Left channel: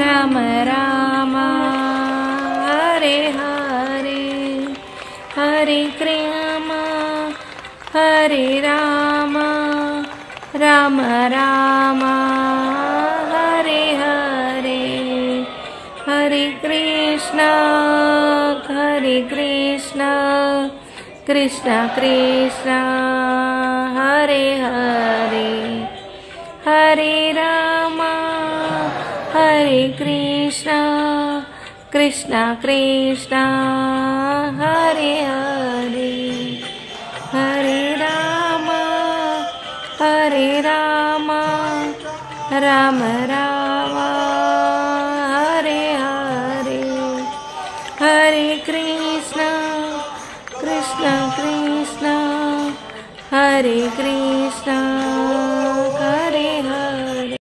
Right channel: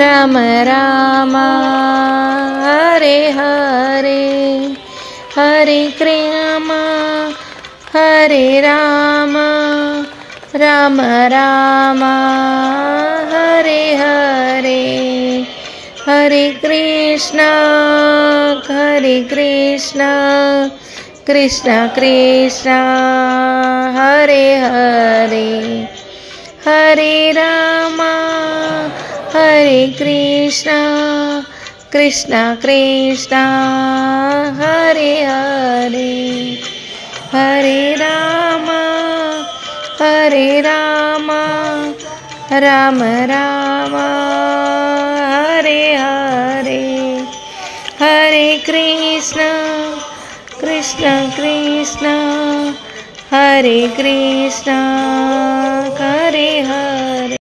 Ram Ram Hare Hare Hare Krishna Hare Ram Ram Ram Hare Hare Hare Krishna Krishna Krishna Hare Hare Hare Ram Hare Krishna Krishna Krishna Hare Hare Hare Ram Ram Ram Hare Hare Hare Krishna Krishna Krishna Hare Krishna